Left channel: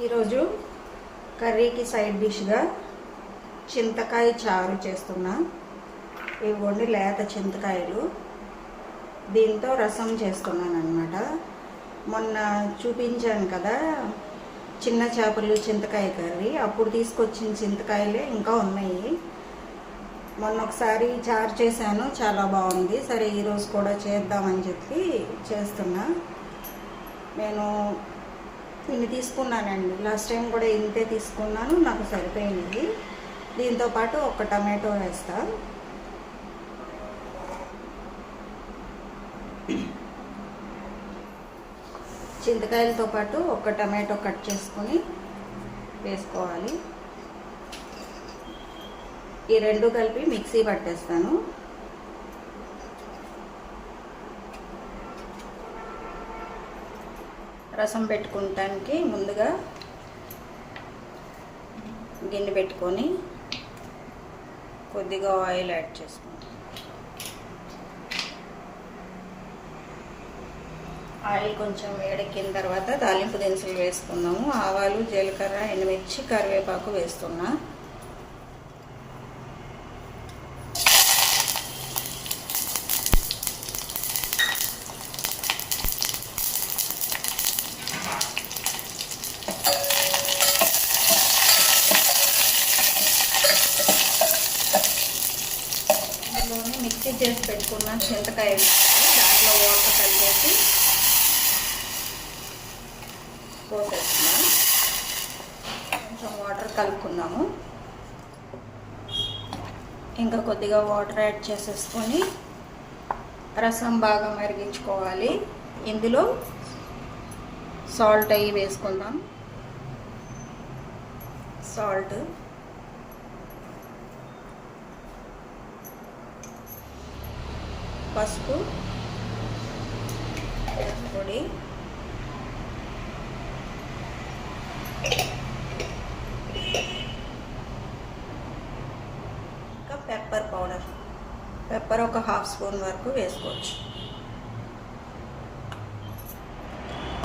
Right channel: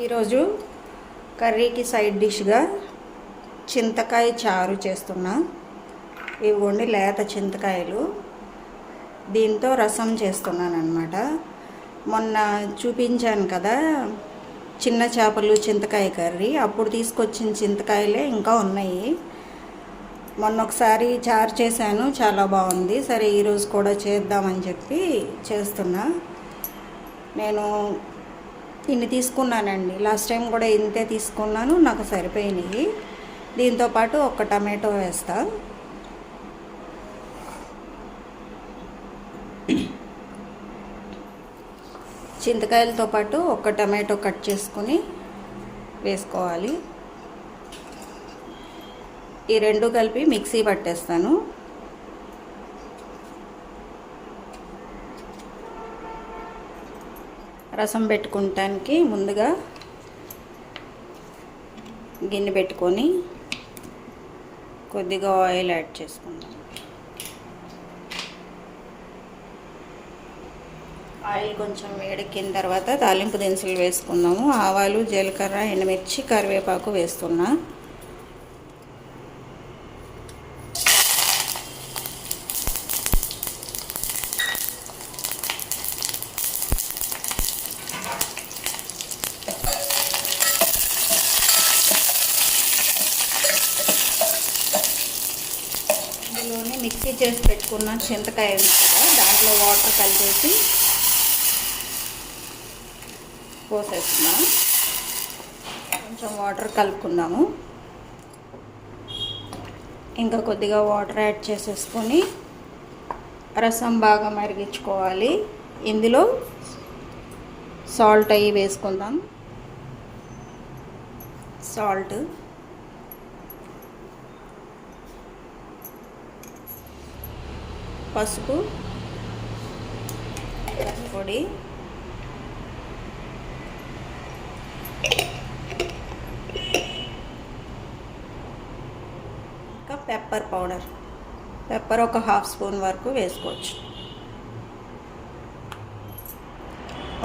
ఈరోజు కర్రీకి సైడ్ డిష్గా చింతకాయ చారు చేస్తున్నా. ఇవ్వండి లేత చింతకాయలు. దీంతో రసం చేస్తున్నాను అనమాట మొన్న చూపించాను కదా చిన్న చేపలు చింతకాయ కర్రీ. అప్పుడు తీసుకొచ్చిన చింతకాయలే ఇంకా ఉన్నాయి. మొన్న ఒకసారి చారు చేశాను చాలా బాగుంది. సరే ఈరోజు కూడా చేద్దామని చెప్పి చేస్తున్నా. నేను ఇన్ని తీసుకున్నానండి. లాస్ట్ టైం కూడా ఇంతే తీసుకున్నాను నాకు సరిపోయినాయి దీంతో పాటు ఒక టమాటో వేస్తా. చింతకాయలతో పాటు ఒక టమాటో కట్ చేసుకుని వేసుకోవాలి. ఈ రెండు కలిపి మిక్సీ పట్టేస్తాను. రసం పెట్టుకుంటానికి ముందుగా గిన్నె పెట్టుకొని కొద్దిగా ఆయిల్ యాడ్ చేసుకుంటాం ఆయిల్ కొంచెం వేడెక్కిన తర్వాత తాలింపు దినుసులు వేసుకున్నాము ఆవాలు జీలకర్ర ఎండుమిర్చి కరివేపాకు వేస్తున్నా. మిక్సీ చేసి పెట్టుకున్న చింతకాయ దాంట్లో వాటర్ కలిపేసి పోసేస్తున్నాం కొంచెం వాటర్ కలుపుకున్నాము. ఇంకా కొద్దిగా వాటర్ యాడ్ చేసేసుకొని రసం బాగా మరిగించుకోవాలి. ఇందులో సాల్ట్ అవి వేసుకుందాం. సాల్ట్ పసుపు పొడి ఇంకా పెప్పర్ పౌడర్. పెప్పర్ ఒక హాఫ్ స్పూన్ వరకు వేసుకోవచ్చు.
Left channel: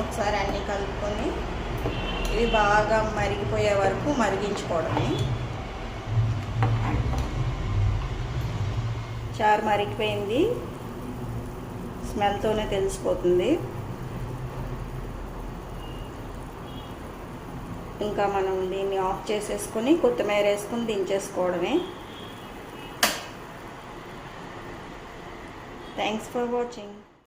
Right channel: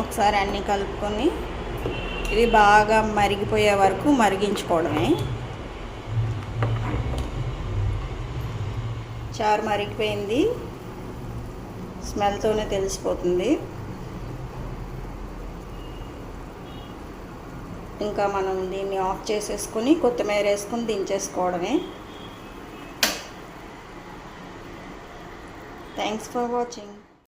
ఒకసారి అన్నీ కలుపుకొని ఇది బాగా మరిగిపోయే వరకు మరిగించుకోవడమే. చారు మరిగిపోయింది. స్మెల్తోనే తెలిసిపోతుంది. ఇంకా మనం దీన్ని ఆఫ్ చేసేసుకొని కొత్తిమీర వేసుకొని దించేసుకోవడమే. Thanks for watching